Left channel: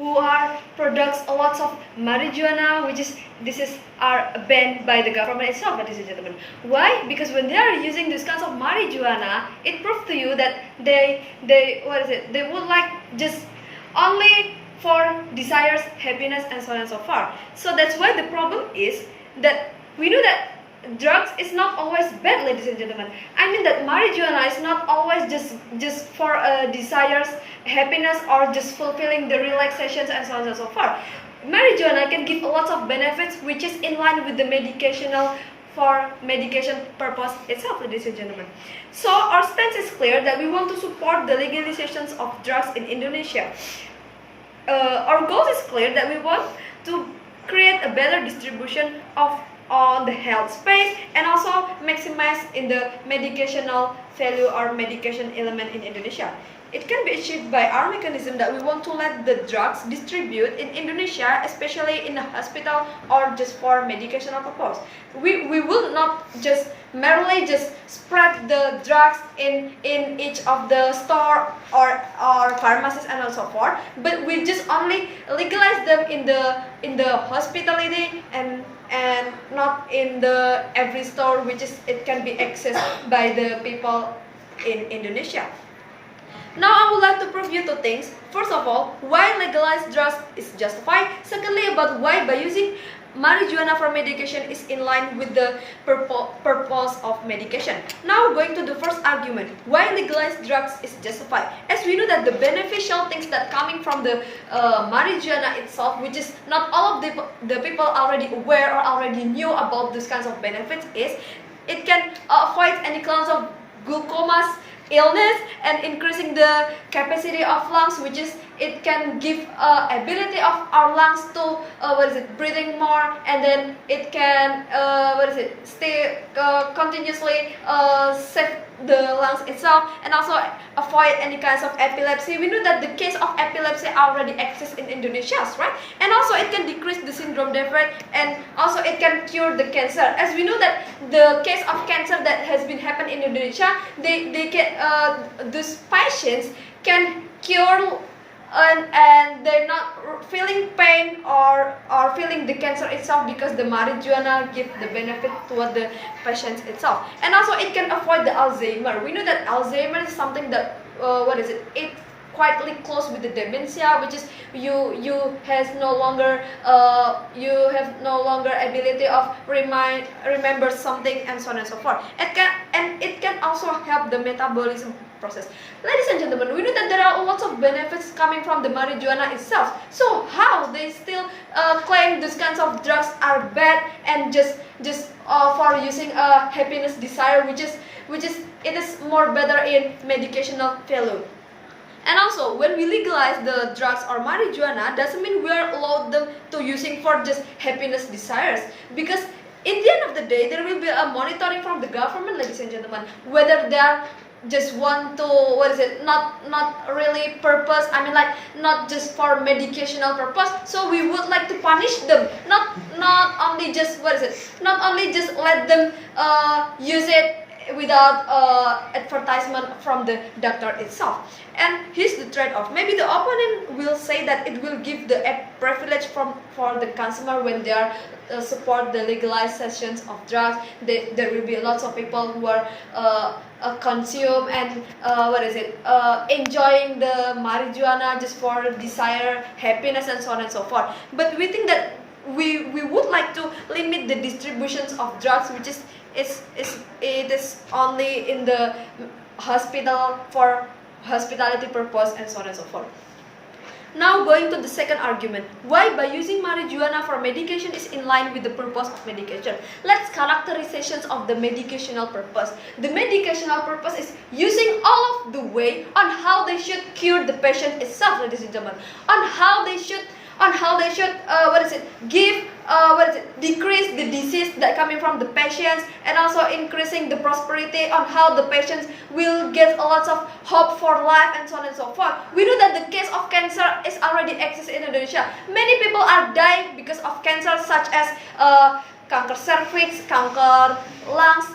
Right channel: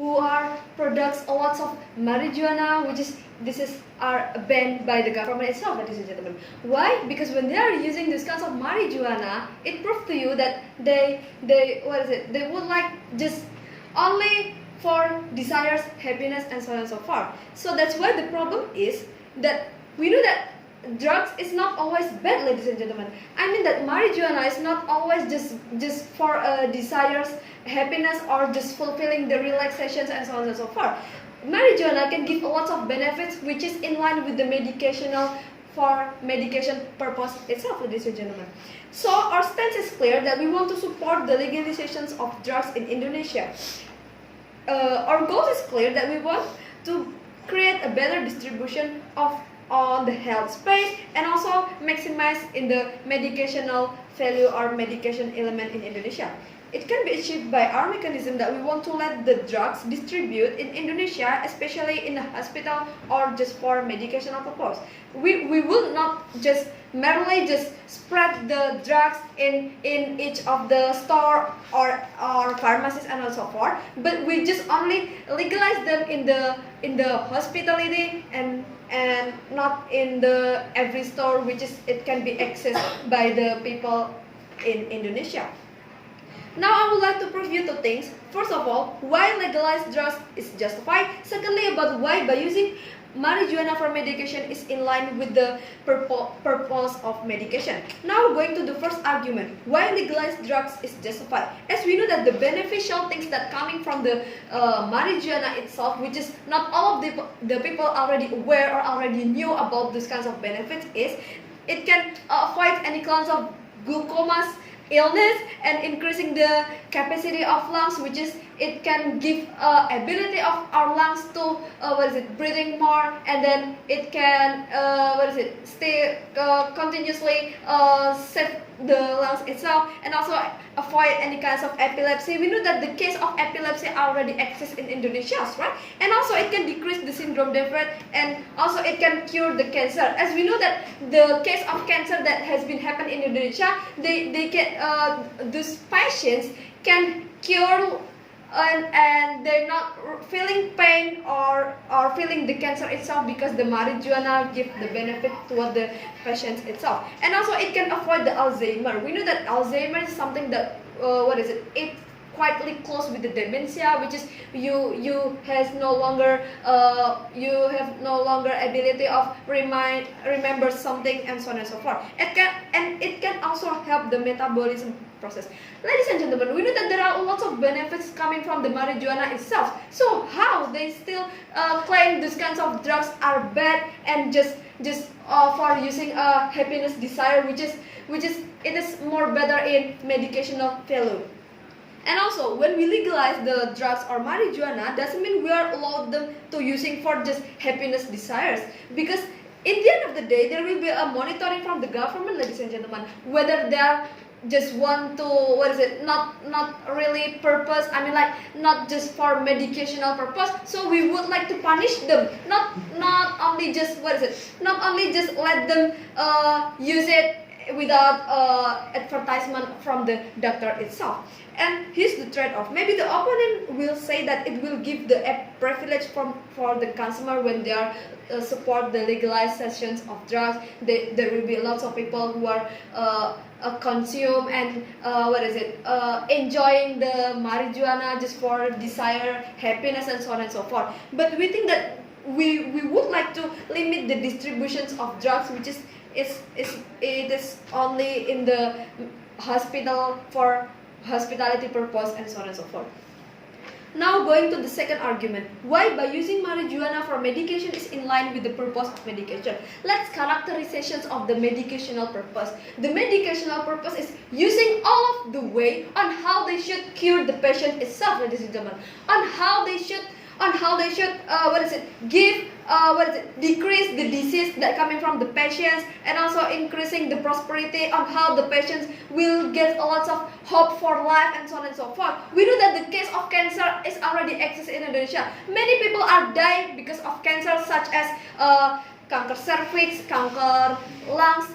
who are products a lot of marijuana, are banned by the government itself, ladies and gentlemen. Why? Because when they are using these kinds of marijuana, it proves to you that they would like just only for desires, happiness, and so on and so forth. So that's why the problem is that we know that drugs is not always bad, ladies and gentlemen. I mean that marijuana is not always just for desires, happiness, or just fulfilling the relaxations and so on and so forth. Marijuana can give a lot of benefits which is in line with the medicational for medication purpose itself, ladies and gentlemen. So our stance is clear that we want to support the legalizations of drugs in Indonesia. Our goal is clear that we want to create a better distribution of on the health space and also maximize in the medicational value or medication element in Indonesia. It can be achieved by our mechanism that we want to let the drugs distribute in Indonesia, especially in the hospital or just for medicational purpose. We will not just merely just spread the drugs in each of the store or pharmacies and so forth, but we just only legalize them in the hospitality and not in the every store which is it can be accessed by the people in Indonesia. Now I would like to prove you two things. First of all, why legalized drugs is justified. Secondly, about why by using marijuana for medication is in line with the purpose of medication. Now going to the first argument, why legalized drugs is justified. As we know that the beneficial things that coming from the marijuana itself, which is not all of the people already aware or already knew about these kinds of benefits, is it can avoid any kinds of glaucomas illness and increasing the capacity of lungs, which is it can give ability of our lungs to breathing more, and then it can stay continuously save the lungs itself, and also avoid any kinds of epilepsy. We know that the case of epilepsy already exists in Indonesia, right? And also it can decrease the syndrome defect, and also it can cure the cancer. As we know that the case of cancer that has been happened in Indonesia, they can these patients can cure and they're not feeling pain or feeling the cancer itself because the marijuana give the benefit toward the patients itself. And also it can avoid the Alzheimer. We know that Alzheimer is something that it quietly close with the dementia, which is you have no longer ability of remember something and so on and so forth. It can also help the metabolism process. Ladies and gentlemen, we know that there are lots of benefits coming from the marijuana itself. So how they still claim these kinds of drugs are bad and just for using a happiness desire, which is it is more better in medicational value. And also, when we legalize the drugs or marijuana, doesn't mean we are allowed them to using for just happiness desires. Because in the end of the day, there will be a monitoring from the government, ladies and gentlemen, whether they are just want to not really purpose. I mean, like not just for medicational purpose. So we would like to punish them, not only just not only just let them use it without advertisement from the doctor itself. And here's the trade-off. Maybe the opponent will say that it will give the privilege for the consumer when they are support the legalizations of drugs. There will be lots of people who are consume and enjoying the marijuana just for desire, happiness, and so on and so forth. But we think that we would like to limit the distributions of drugs, which is it is only in the hospital for hospitality purpose and so on and so forth. Now going to the second argument, why by using marijuana for medication is in line with the purpose of medication. Let's characterizations of the medicational purpose. The medicational purpose is using all of the way on how they should cure the patient itself, ladies and gentlemen, on how they should give decrease the disease that coming from the patients, and also increasing the prosperity on how the patients will get a lot of hope for life and so on and so forth. We know that the case of cancer is already exists in Indonesia. Many people are dying because of cancer, such as cancer cervix, cancer lungs,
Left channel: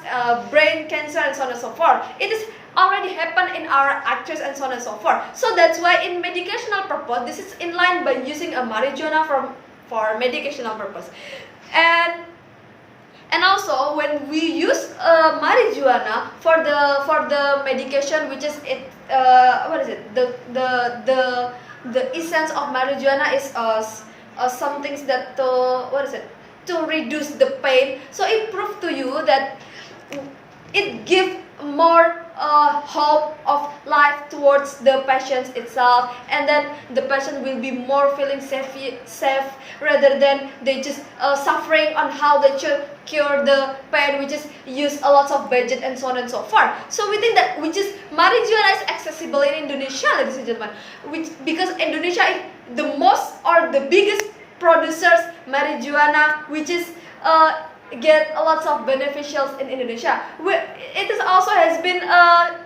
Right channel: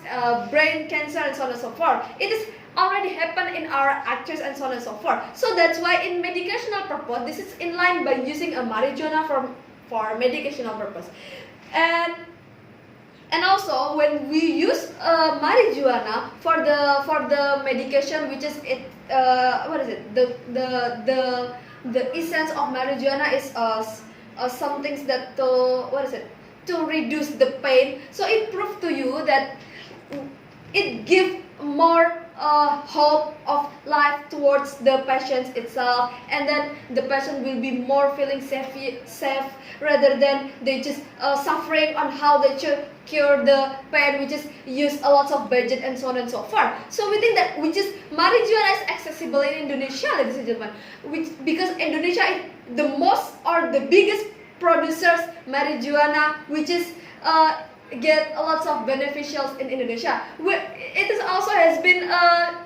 brain cancer, and so on and so forth. It is already happened in our actors and so on and so forth. So that's why in medicational purpose, this is in line by using a marijuana for medicational purpose. And also when we use marijuana for the medication, which is what is it, the essence of marijuana is some things that to reduce the pain. So it proved to you that it gives more hope of life towards the patient itself, and then the patient will be more feeling safe rather than they just suffering on how they should cure the pain, which is use a lot of budget and so on and so forth. So we think that which is marijuana is accessible in Indonesia, ladies and gentlemen, because Indonesia is the most or the biggest producers marijuana, which is get a lot of beneficials in Indonesia. It is also has been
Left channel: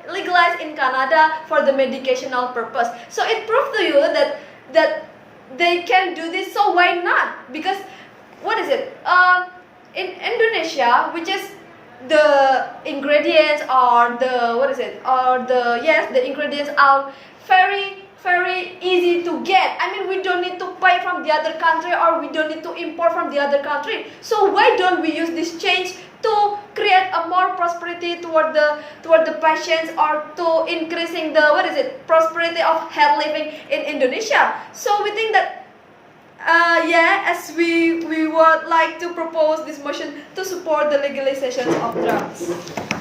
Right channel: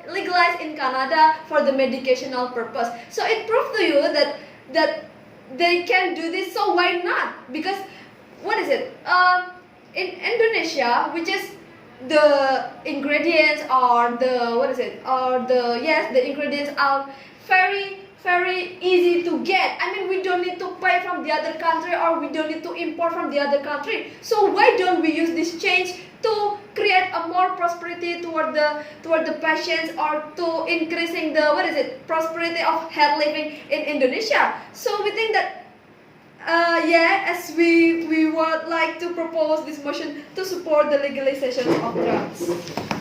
legalized in Canada for the medicational purpose. So it proved to you that they can do this. So why not? Because what is it? In Indonesia, which is the ingredients or the ingredients are very easy to get. I mean, we don't need to buy from the other country, or we don't need to import from the other country. So why don't we use this change to create a more prosperity toward the patients, or to increasing the prosperity of health living in Indonesia? So we think that as we would like to propose this motion to support the legalization of drugs.